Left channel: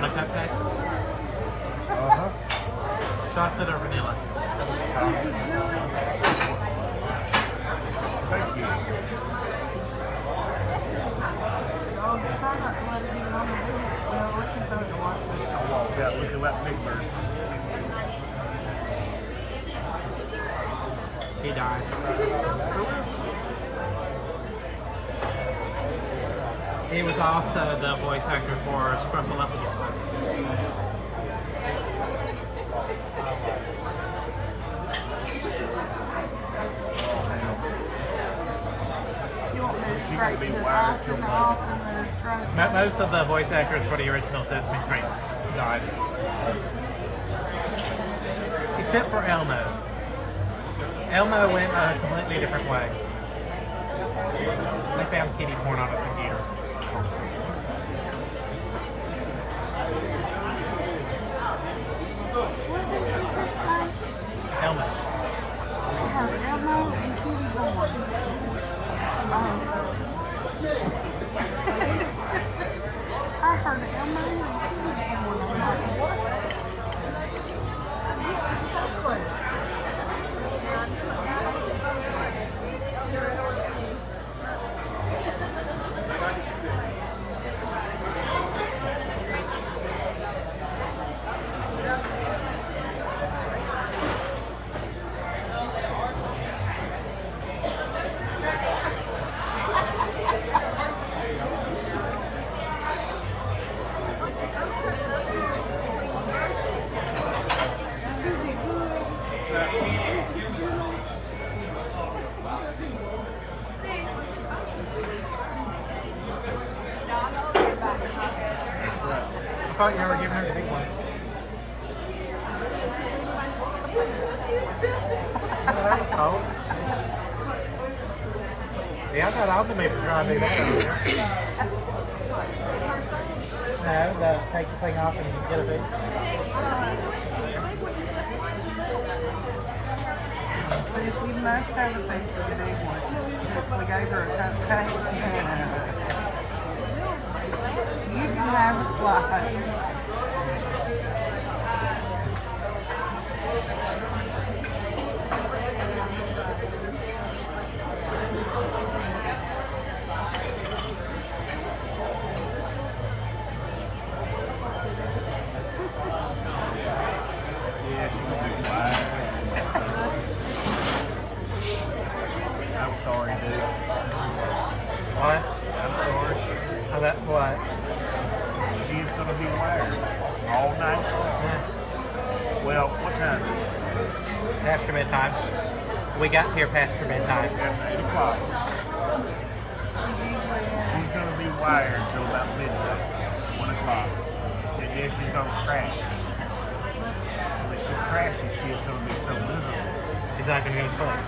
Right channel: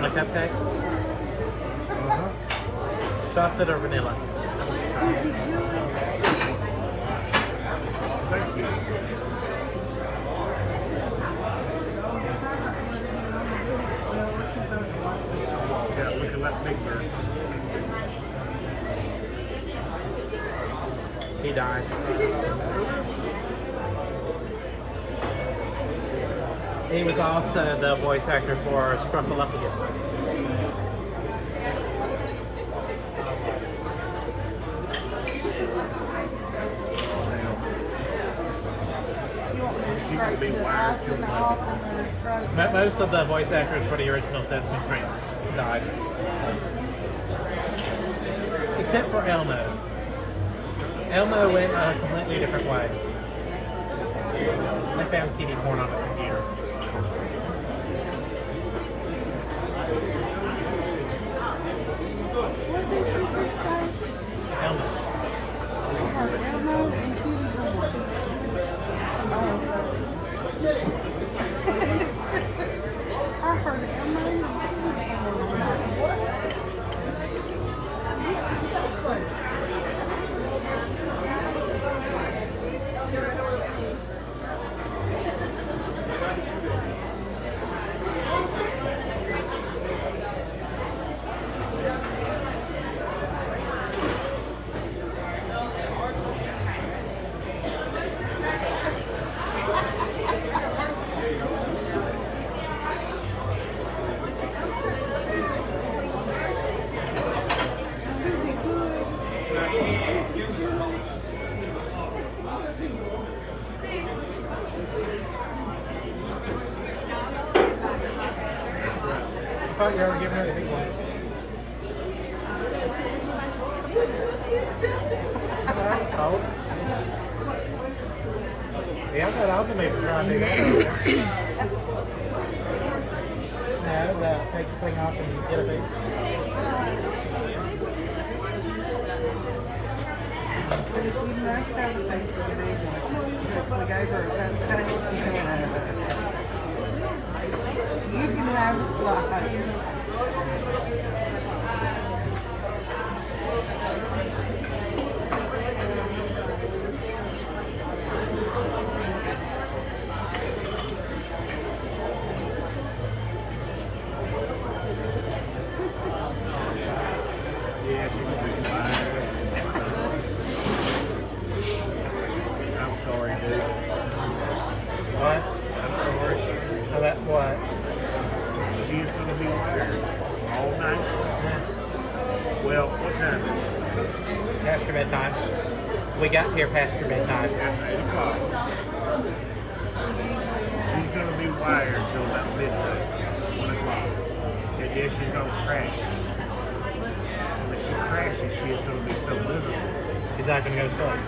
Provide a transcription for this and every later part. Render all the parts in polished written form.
want a cupcake? Uh-huh. Chocolate or vanilla? Thank you. I walked out looking like Big Bird. He died. He was also the voice actor for Scrumptious. Most of the voice actors for the original Sesame Street died. Except for Elmo. Elmo went a completely different way. They found kitty porn on his computer. What did you just say? Elmo. I have Elmo and kitty porn. Oh. I heard Elmo and kitty porn. I'm like, what? I thought you were giving her the big one. That was cold. Yeah, I got on to me for trying to do that earlier. No, take the thing off and get a piece. But if you must have a piece of the big one, since we gave her a cupcake, you can have a slice. Yeah, she's gonna be quiet. I'm sorry, dude. What? I'm sorry. Oh, that what? She's gonna be wired all night. Yeah. Well, what time is it? Past your bedtime. We got here past your bedtime. 8 o'clock. She's gonna be wired till about midnight, 1 o'clock. And then she's gonna crash. When she crashes, she is gonna be so miserable. She's not going to go to sleep.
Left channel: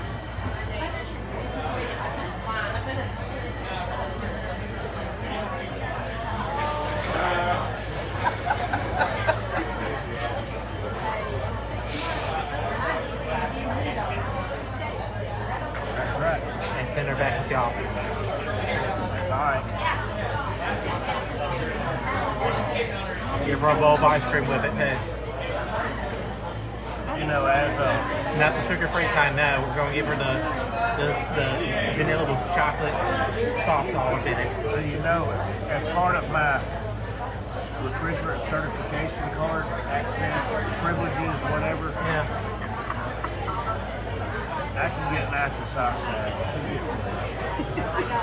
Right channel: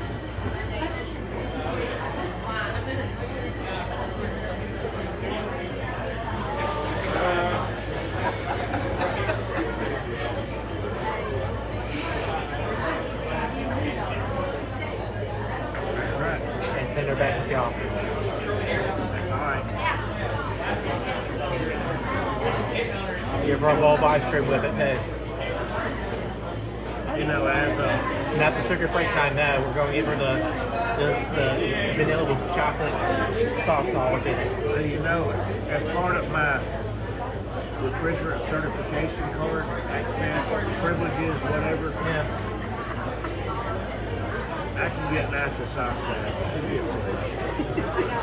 That's right. And send her back with y'all. That's alright. Give her a bowl of ice cream with it too. You know, as Not the sugar-free kind, no. We're going to give her the vanilla with chocolate sauce all up in it. you know, as part of my refrigerant certification card, access, privileges, whatever, Yeah. I can get nitrous oxide. She gets it.